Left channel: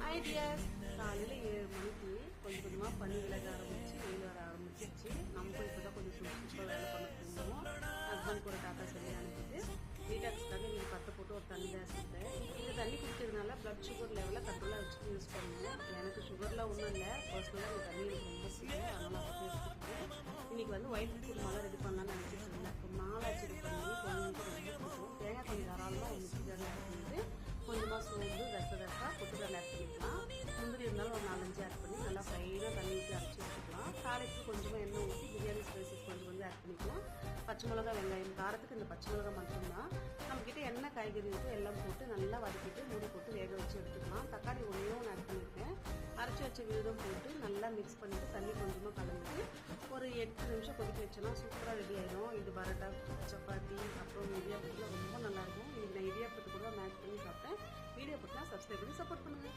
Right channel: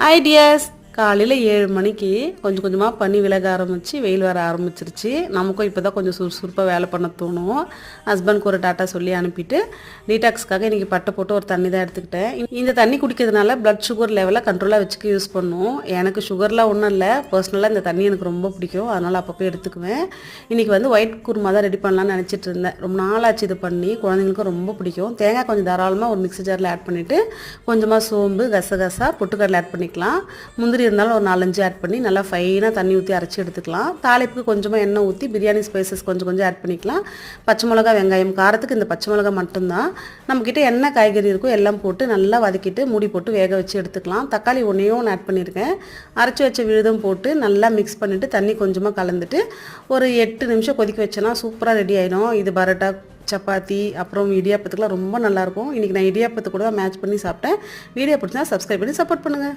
Hi tears, காலையில் 7 மணிக்கு கொஞ்சம் கொஞ்சமாக பனி விலக ஆரம்பித்து வெயில் வர ஆரம்பிச்சிருச்சு. நமக்கும் இப்போ தான் கொஞ்சம் சுறுசுறுப்பாக வேலை பண்ண தோணும். ஹஸ்பண்ட்க்கு ஒரு டாட்டா சொல்லி அனுப்பிட்டு டீடாக்ஸ்க்காக இன்றைக்கி பட்டை போட்டு ஒரு தண்ணி தான் எடுத்துக்கிட்டேன். இந்த தண்ணி குடிக்கிறதுனால ப்ளட் சுகர் லெவலை கண்ட்ரோலாக வச்சுக்க யூஸ் பண்ணும். எனக்கு சுகர்லாம் ஒன்றும் இல்லை, பர்சனலாக இந்த தண்ணி எனக்கு ரொம்ப பிடிக்கும், அதனால் அப்பப்போ எடுத்துக்குவேன். இன்றைக்கி வந்து ஒயிட் குருமா தான் ரெடி பண்ணலான்னு நினச்சிட்டு இருந்தேன். ரொம்ப நாளாச்சு இது பண்ணி, குழந்தைங்களுக்கும் ரொம்ப பிடிக்கும். தேங்காய் கொஞ்சம் தாராளமாக ஒரு மிக்ஸி ஜாரில் ஆட் பண்ணிவிட்டு கொஞ்சமாக சோம்பு, கசகசா, பொட்டுக்கடலை ஆட் பண்ணிக்கலாம். முந்திரி இருந்தாலும் ஒரு 4-5 ஆட் பண்ணி நல்லா ஃபைனாக தண்ணி ஊற்றி அரைச்சி எடுத்துக்கலாம். தாளிப்புக்கு கொஞ்சமாக எண்ணெய் ஊற்றி பிரியாணி ஸ்பைசஸ் கொஞ்சம் கொஞ்சம் ஆட் பண்ணிக்கலாம். பச்சை மிளகா, வெங்காயம், காரத்துக்கு இந்த பச்சை மிளகா மட்டும்தான். நம்மக்கிட்ட என்ன காய்கறி இருக்கோ எல்லாம் போட்டு நல்லா வதக்கிட்டு மூடி போட்டு வேக வச்சு எடுத்துக்கலாம். தக்காளி ஒன்று ஆட் பண்ணியிருக்கேன். அரைச்சி வச்ச விழுதும் போட்டு நல்லா மிக்ஸ் பண்ணிவிட்டு தண்ணி கொஞ்சமாக கலந்துட்டு ஒரு 8 நிமிஷம் கொதிக்க வச்சேன்னா சூப்பராக ரெடி ஆகிடும். இது பரோட்டா, சப்பாத்தி, அப்புறம் இடியாப்பத்துக்குலாம் ரொம்ப நல்லாயிருக்கும். இன்றைக்கி நான் இடியாப்பத்து கூட மேட்ச் பண்ணி சாப்பிட்டேன். வீடியோ பிடிச்சா சப்ஸ்கிரைப் பண்ணி சப்போர்ட் பண்ணுங்கள்.